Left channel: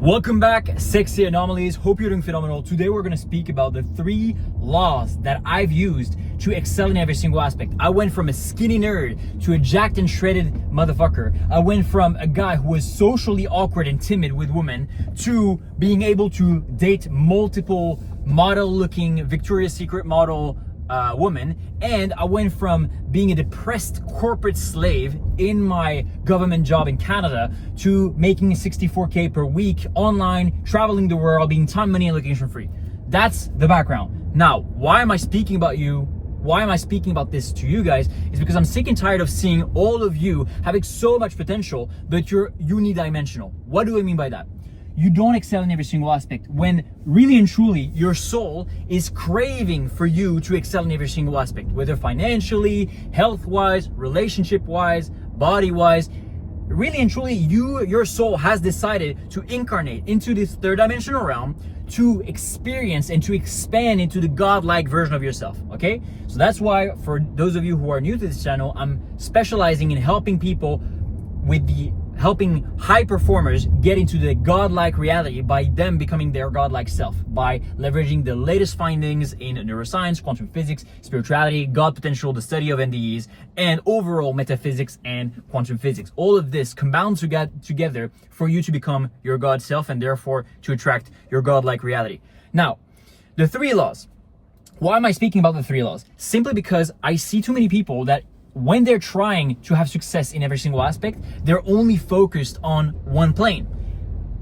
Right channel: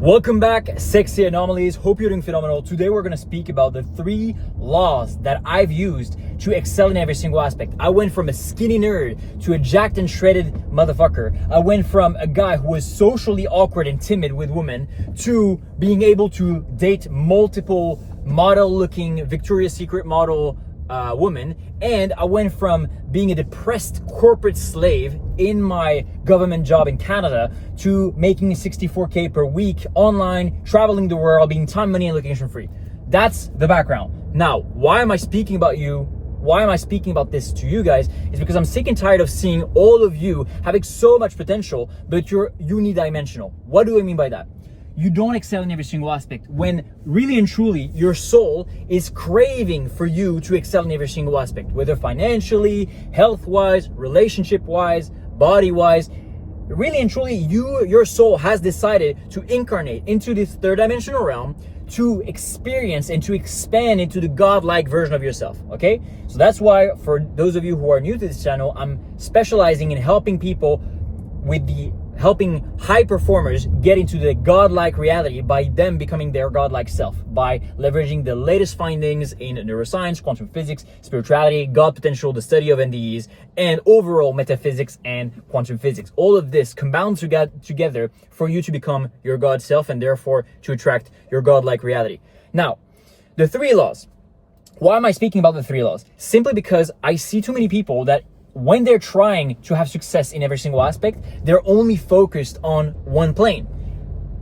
Welcome back, sexy anomalies. Hope you're doing phenomenal. Today we're going to speak about the 3 laws that I've used to excel in every single aspect. I went from a skinny nerd to a jacked and shredded motherfucker. I went from a guy who was socially awkward and timid with women to being able to date multiple model-looking Victoria's Secret model woman, and I went from being a depressed corporate slave in my government job in Canada to making 64K per week online, traveling the world, being time, money, and location free. That's the background. Now, why am I speaking about this to you guys? Is because I'm sick and tired of seeing all of you having so much potential, but you're unidimensional. What do I mean by that? You don't excel in every single aspect when really and truly your soul is craving for you to excel in every single aspect, whether financially, health-wise, relationship-wise, body-wise. Really and truly, your soul has decided to incarnate into this third dimensional realm to experience and to expand into the godlike version of yourself, okay? So that's why, for those of you who are new to this channel, I'm specializing in helping people helping high performers get into the godlike reality by them becoming their godlike self, by leveraging the latest findings in neuroscience, quantum physics, spirituality, God potential, the study of NDEs, and overall metaphysics and quantum physics. All of this combined together for you to become your God self and therefore to attract your godlike reality. Now, the 3 laws. Why am I speaking about the 3 laws? Simply because I see too many people that when they're trying to have success in every single aspect, they're only focused on one plane.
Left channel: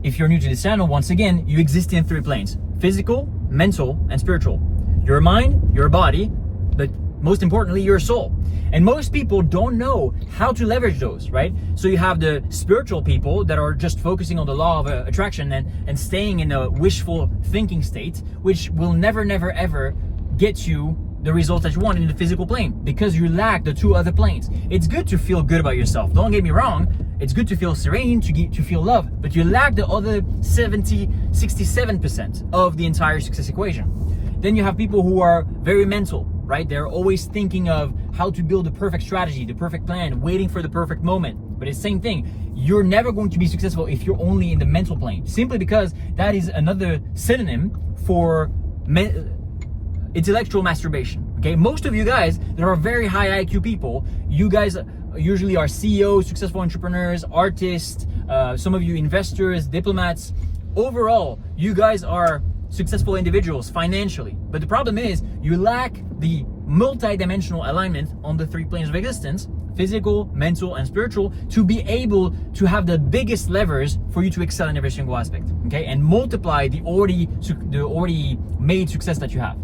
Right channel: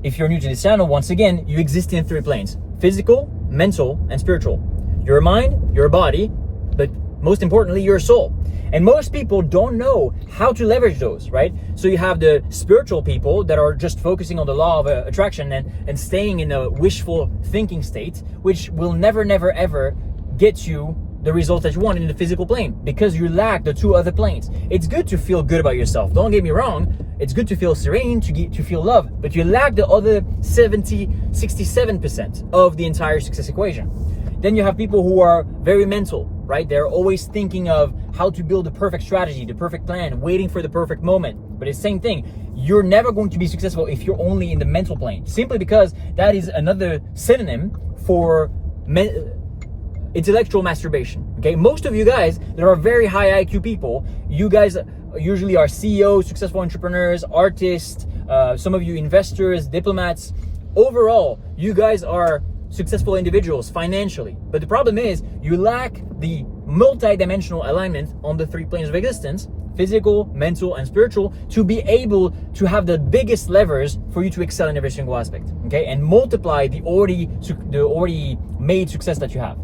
If you're new to this channel, once again, you exist in 3 planes: physical, mental, and spiritual. Your mind, your body, but most importantly, your soul. And most people don't know how to leverage those, right? So you have the spiritual people that are just focusing on the law of attraction and staying in a wishful thinking state, which will never, ever get you the results that you want in the physical plane because you lack the 2 other planes. It's good to feel good about yourself. Don't get me wrong. It's good to feel serene, to feel love, but you lack the other 67% of the entire success equation. Then you have people who are very mental, right? They're always thinking of how to build the perfect strategy, the perfect plan, waiting for the perfect moment. But it's the same thing. You're never going to be successful if you're only in the mental plane, simply because that is another synonym for intellectual masturbation. Okay, most of you guys that are very high IQ people, you guys usually are CEOs, successful entrepreneurs, artists, some of you investors, diplomats. Overall, you guys are successful individuals financially, but the problem is you lack the multi-dimensional alignment on the 3 planes of existence: physical, mental, and spiritual, to be able to have the biggest levers for you to excel in every single aspect, okay, and multiply the already made success that you have.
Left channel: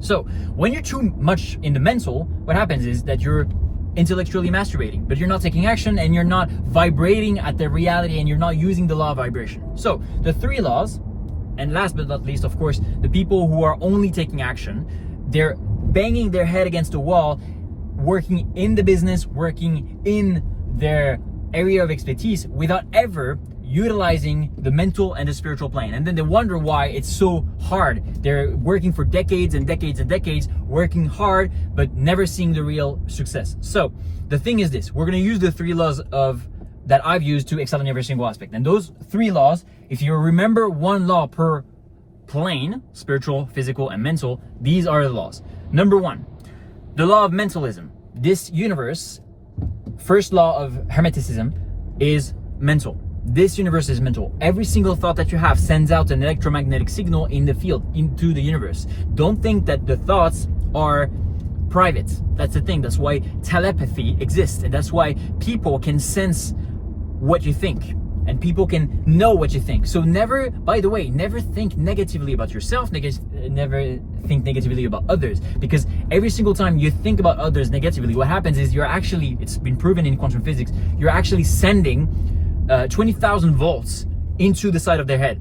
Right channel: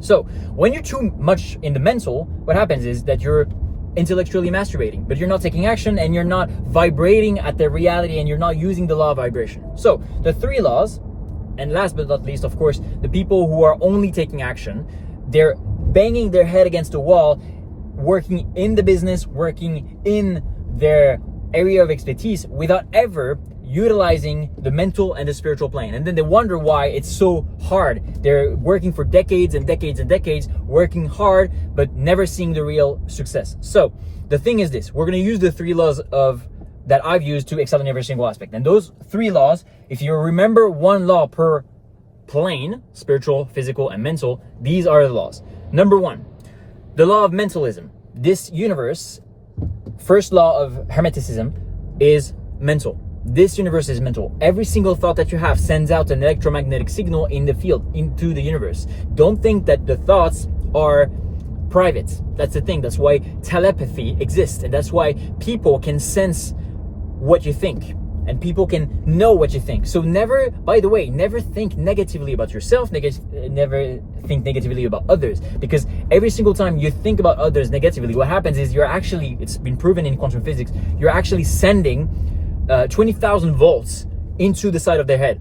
So when you're too much in the mental, what happens is that you're intellectually masturbating, but you're not taking action and you're not vibrating at the reality and you're not using the law of vibration. So the 3 laws, and last but not least, of course, the people who are only taking action, they're banging their head against the wall, working in the business, working in their area of expertise without ever utilizing the mental and the spiritual plane. And then they wonder why it's so hard. They're working for decades and decades and decades, working hard, but never seeing the real success. So the thing is this: we're going to use the 3 laws that I've used to excel in every single aspect. And those 3 laws, if you remember 1 law per plane, spiritual, physical, and mental, these are the laws. Number 1, the law of mentalism. This universe, first law of Hermeticism, is mental. This universe is mental. Every single thought that you have sends out an electromagnetic signal in the field, into the universe. Don't think that the thoughts are private. That's the thing. That's why telepathy exists. And that's why people can sense what you think. And people can know what you think. So never, by the way, never think negatively about yourself. Never think negatively about others. Because every single time you think about others negatively, what happens is it's been proven in quantum physics, you're actually sending 20,000 volts into the side of their head.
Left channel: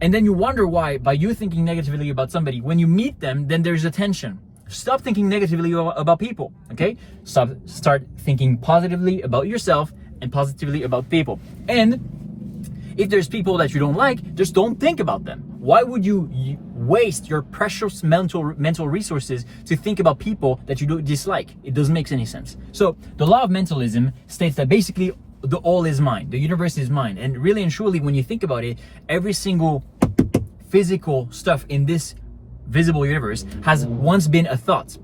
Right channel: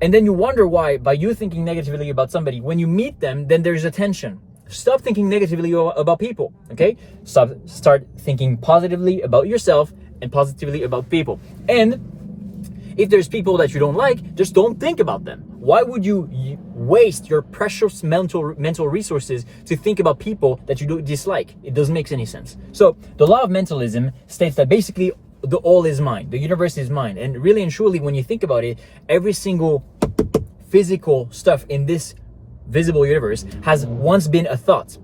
And then you wonder why, by you thinking negatively about somebody, when you meet them, then there's a tension. Stop thinking negatively about people, okay? Start thinking positively about yourself and positively about people. And if there's people that you don't like, just don't think about them. Why would you waste your precious mental resources to think about people that you don't dislike? It doesn't make any sense. So the law of mentalism states that basically the all is mind. The universe is mind. And really and truly, when you think about it, every single physical stuff in this visible universe has once been a thought.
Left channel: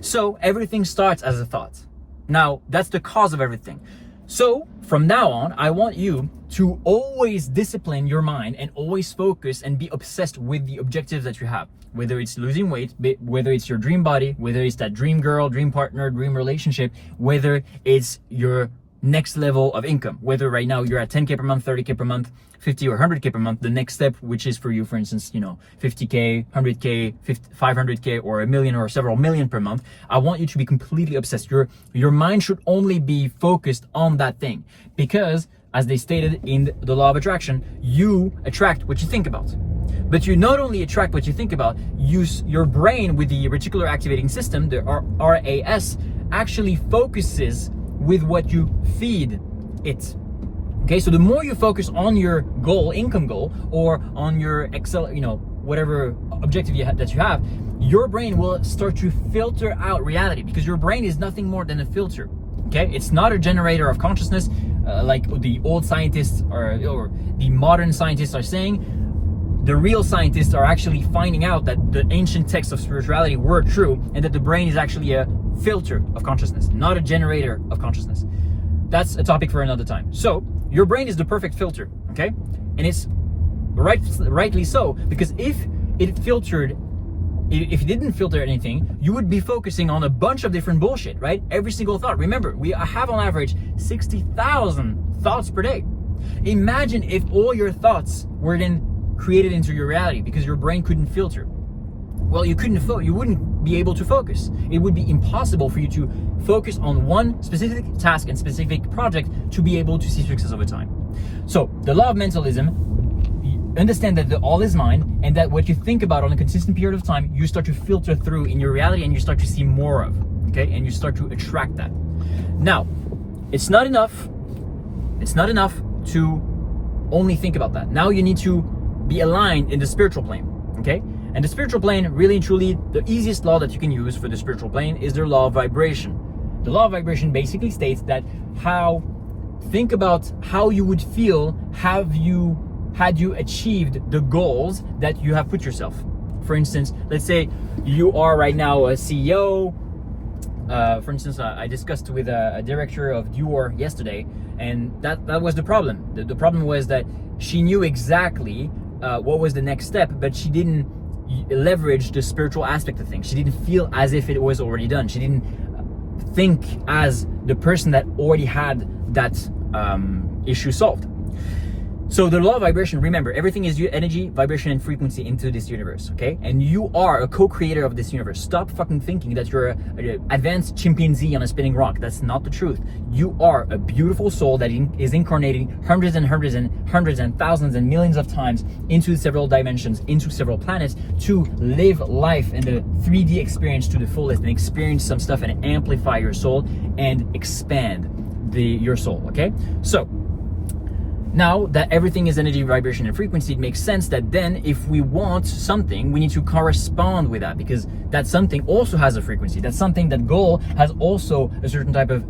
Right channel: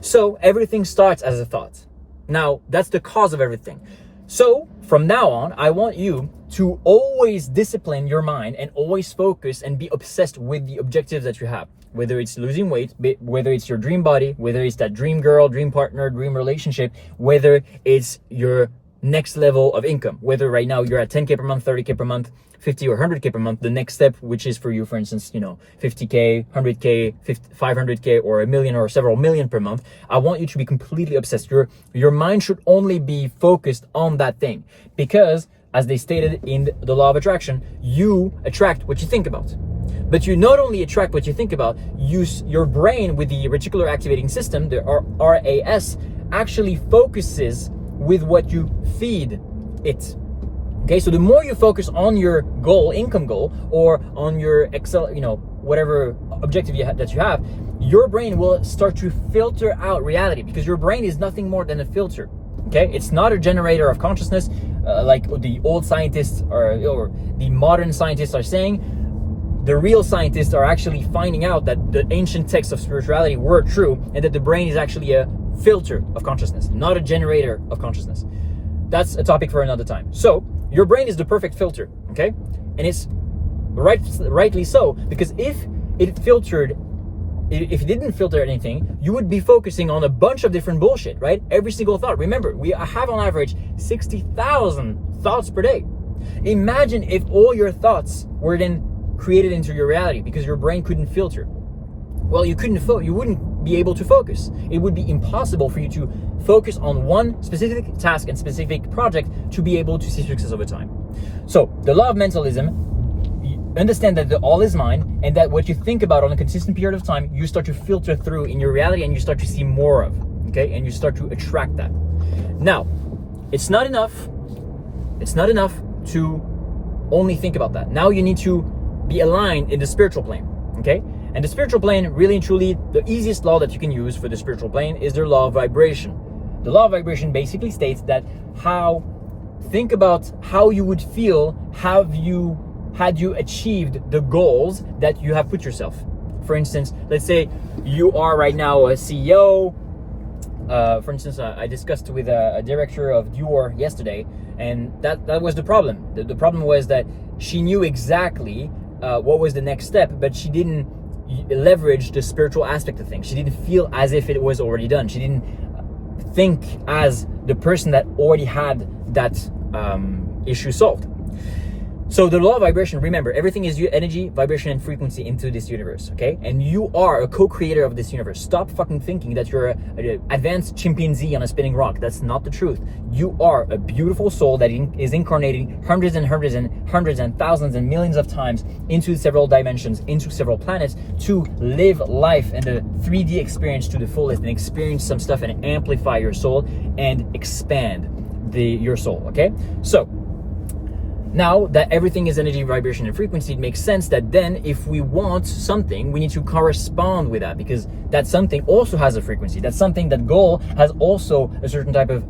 So everything starts as a thought. Now, that's the cause of everything. So from now on, I want you to always discipline your mind and always focus and be obsessed with the objectives that you have. Whether it's losing weight, whether it's your dream body, whether it's that dream girl, dream partner, dream relationship, whether it's your next level of income, whether right now you're at 10K per month, 30K per month, 50 or 100K per month, the next step, which is for you, for instance, 50K, 100K, 500K, or $1 million or several million per month. I want you to be completely obsessed. Your mind should only be focused on that thing, because as they stated in the law of attraction, you attract what you think about. But you not only attract what you think about, your brain with the reticular activating system, the RAS, actually focuses with what you feed it. Okay, so the more you focus on your goal, income goal, or on your whatever objective that you have, your brain will start to filter out reality, because your brain is nothing more than a filter. Okay, it's not a generator of consciousness like the old scientists or the modern scientists are saying. The real scientists are actually finding out that the ancient texts of spirituality were true, and that the brain is actually a filter of consciousness, not a generator of consciousness. That's a topic for another time. So your brain is the perfect filter, okay? And it's rightly so, because if it didn't filter anything, you would be focusing on a bunch of different bullshit, right? Every single thought. Remember, we have on average 60,000 thoughts per day. Imagine if all your thoughts were then created into your reality, because your brain couldn't filter. Well, you wouldn't be able to focus. It would be impossible for you to focus on one specific task and specific project to be able to see success over time. So the law of mentalism, understand that the all is mind, and that what you think about on a consistent period of time, you start to filter through in your reality, and you start to see more of, okay? And you start to attract that. Now, it's not enough to only think about that. Now you need to be aligned in the spiritual plane, okay? And the spiritual plane, really and truly, the easiest law that you can use for the spiritual plane is the law of vibration. The law of vibration basically states that think about how you would feel had you achieved the goals that you have put yourself. For instance, let's say you are right now a CEO. For instance, I discussed with a director of Dior yesterday, and that was the problem. The problem was that she knew exactly what was the next step, but she didn't leverage the spiritual aspect of things. She didn't feel as if it was already done. She didn't think as the person that already had that issue solved. So the law of vibration, remember, everything is energy, vibration, and frequency into this universe, okay? And you are a co-creator of this universe. Stop fucking thinking that you're an advanced chimpanzee on a spinning rock. That's not the truth. You are a beautiful soul that is incarnating hundreds and hundreds and hundreds and thousands and millions of times into several dimensions, into several planets, to live life and the 3D experience to the fullest, and experience some stuff and amplify your soul and expand your soul, okay? So now that everything is energy, vibration, and frequency, it makes sense that then if we want something, we need to correspond with that, because that something also has a frequency. That something, that goal, has also a certain type of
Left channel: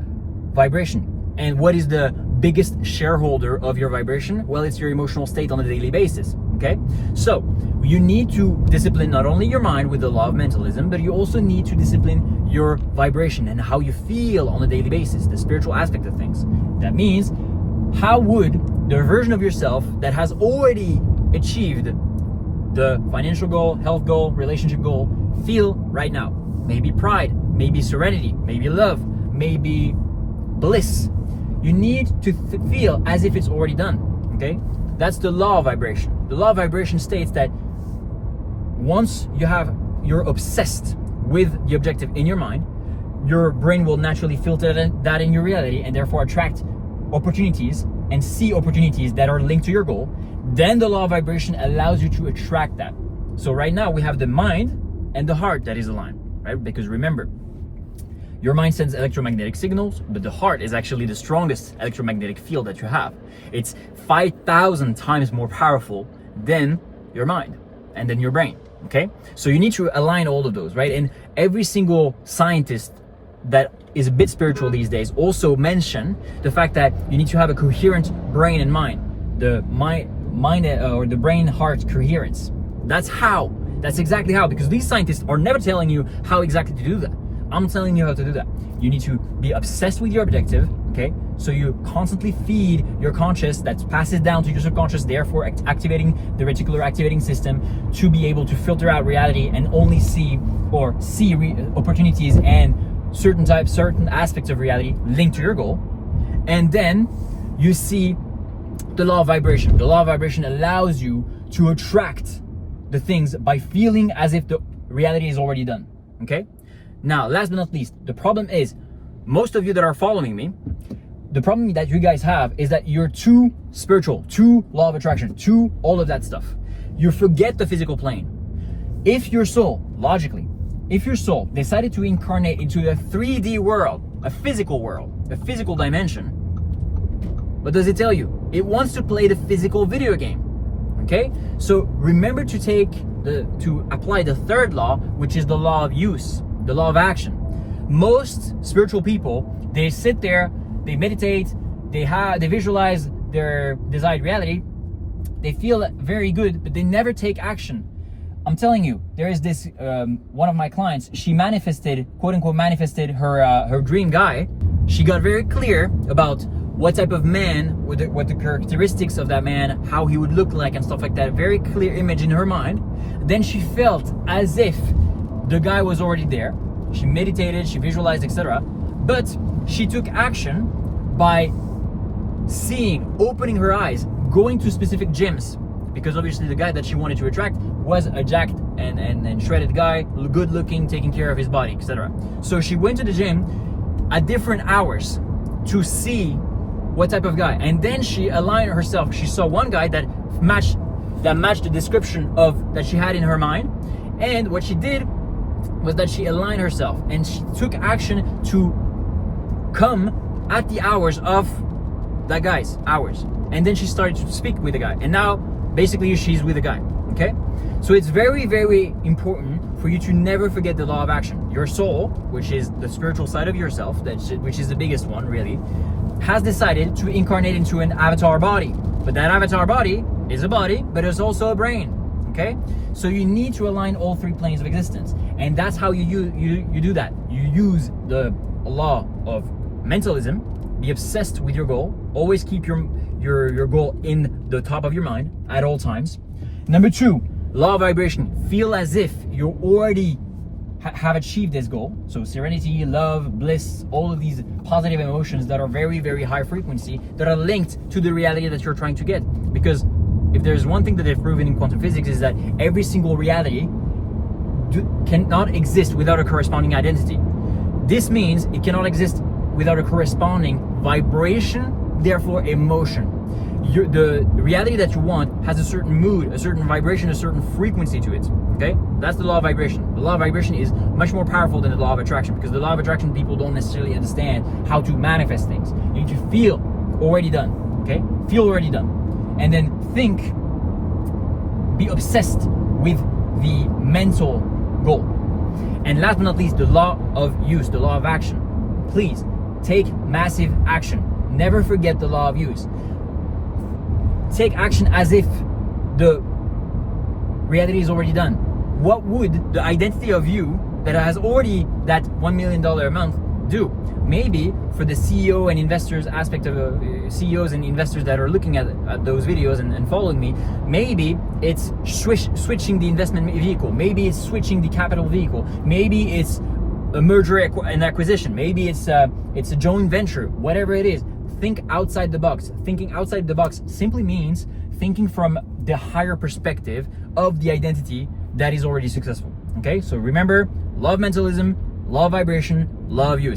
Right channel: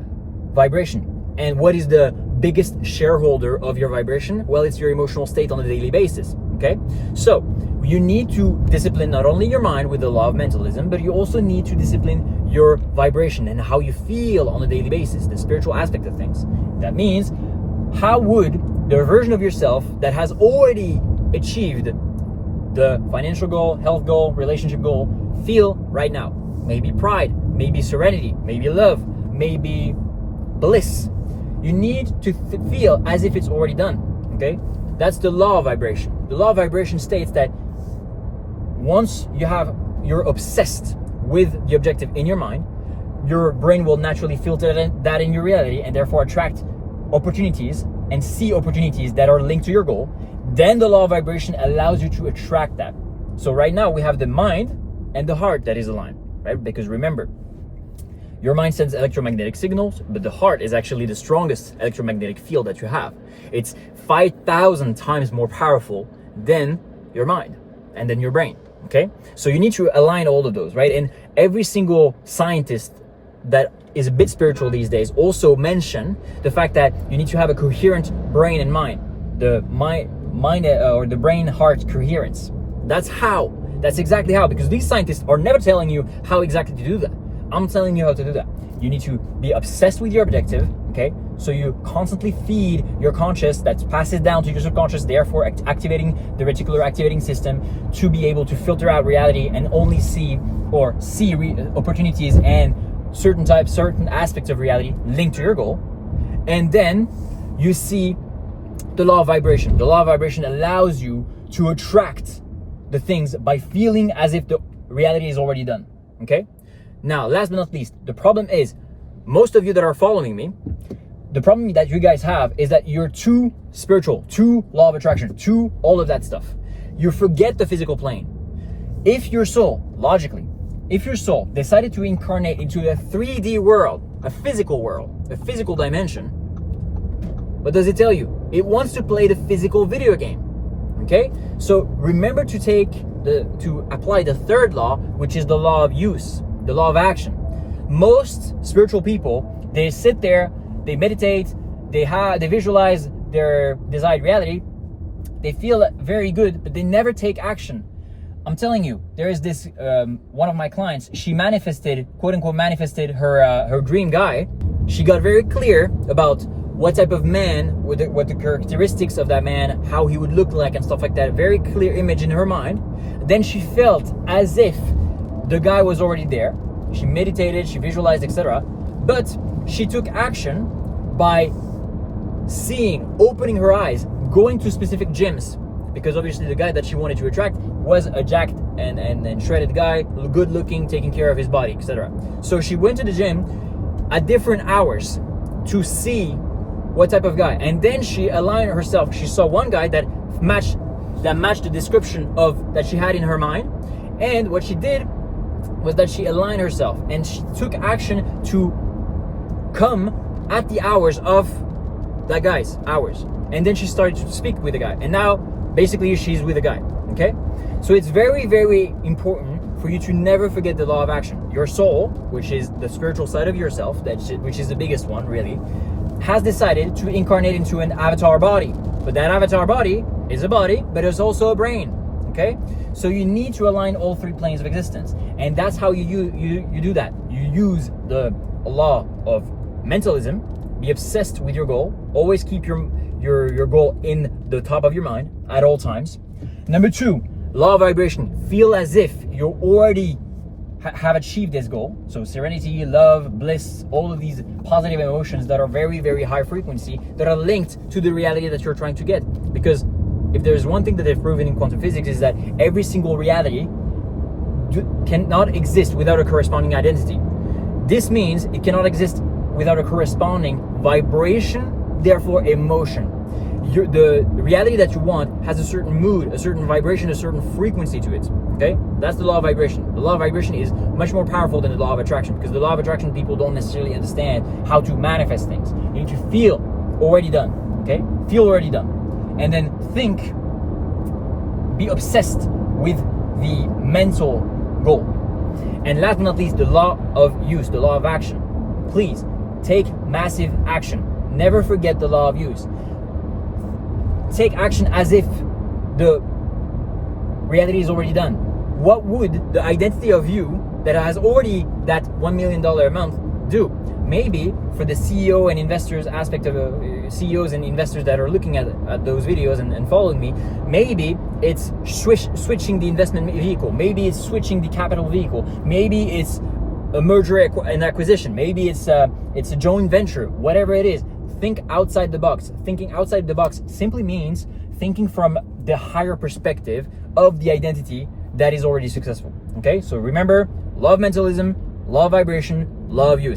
vibration. And what is the biggest shareholder of your vibration? Well, it's your emotional state on a daily basis, okay? So you need to discipline not only your mind with the law of mentalism, but you also need to discipline your vibration and how you feel on a daily basis, the spiritual aspect of things. That means, how would the version of yourself that has already achieved the financial goal, health goal, relationship goal feel right now? Maybe pride, maybe serenity, maybe love, maybe bliss. You need to feel as if it's already done, okay? That's the law of vibration. The law of vibration states that once you're obsessed with the objective in your mind, your brain will naturally filter that in your reality, and therefore attract opportunities and see opportunities that are linked to your goal. Then the law of vibration allows you to attract that. So right now we have the mind and the heart that is aligned, right? Because remember, your mind sends electromagnetic signals, but the heart is actually the strongest electromagnetic field that you have. It's 5,000 times more powerful than your mind and then your brain, okay? So you need to align all of those, right? And every single scientist that is a bit spiritual these days also mention the fact that you need to have a coherent brain and mind. The mind or the brain-heart coherence. That's exactly how, because these scientists are never telling you how exactly to do that. I'm telling you how to do that. You need to be obsessed with your objective, okay? So you constantly feed your conscious, that passes down to your subconscious, therefore activating the reticular activating system to be able to filter out reality and only see opportunities and certain aspects of reality linked to your goal. And then you see the law of vibration. The law of vibration allows you to attract the things by feeling as if the reality is already done, okay? Now, last but not least, the problem is, most of you that are following me, the problem that you guys have is that you're too spiritual, too law of attraction, too all of that stuff. You forget the physical plane. If your soul, logically, if your soul decided to incarnate into the 3D world, a physical world, a physical dimension, what does it tell you? It wants to play the physical video game, okay? So remember to apply the third law, which is the law of use, the law of action. Most spiritual people, they sit there, they meditate, they visualize their desired reality, they feel very good, but they never take action. I'm telling you, there is this one of my clients. She manifested, quote unquote, manifested her dream guy. She got very clear about what type of man, what the characteristics of that man, how he would look like and stuff like that. Very clear image in her mind. Then she felt as if the guy was already there. She meditated, she visualized, etc. But she took action by seeing, opening her eyes, going to specific gyms, because obviously the guy that she wanted to attract was a jacked and shredded guy, good looking, taking care of his body, etc. So she went to the gym at different hours to see what type of guy, and then she aligned herself. She saw one guy that matched the description of that she had in her mind, and what she did was that she aligned herself and she took action to come at the hours of that guy's hours, and then she started to speak with the guy, and now basically she's with the guy, okay? So it's very, very important for you to never forget the law of action. Your soul, which is the spiritual side of yourself, which is the biggest one really, has decided to incarnate into an avatar body. But that avatar body is a body, but it's also a brain, okay? So you need to align all three planes of existence, and that's how you do that. You use the law of mentalism. Be obsessed with your goal. Always keep your goal in the top of your mind at all times. Number 2, law of vibration. Feel as if you already have achieved this goal. So serenity, love, bliss, all of these positive emotions that are very, very high frequency, that are linked to the reality that you're trying to get. Because if there's one thing that they've proven in quantum physics, is that every single reality cannot exist without a corresponding identity. This means it cannot exist without a corresponding vibration, therefore emotion. The reality that you want has a certain mood, a certain vibration, a certain frequency to it, okay? That's the law of vibration. The law of vibration is much more powerful than the law of attraction, because the law of attraction, people don't necessarily understand how to manifest things. You need to feel already done, okay? Feel already done. And then think, be obsessed with the mental goal. And last but not least, the law of use, the law of action. Please, take massive action. Never forget the law of use. Take action as if the reality is already done. What would the identity of you that has already that $1 million a month do? Maybe for the CEO and investors aspect of CEOs and investors that are looking at those videos and following me, maybe it's switching the investment vehicle. Maybe it's switching the capital vehicle. Maybe it's a merger and acquisition. Maybe it's a joint venture. Whatever it is, think outside the box. Thinking outside the box simply means thinking from the higher perspective of the identity that is already successful. Okay, so remember, law of mentalism, law of vibration, law of use.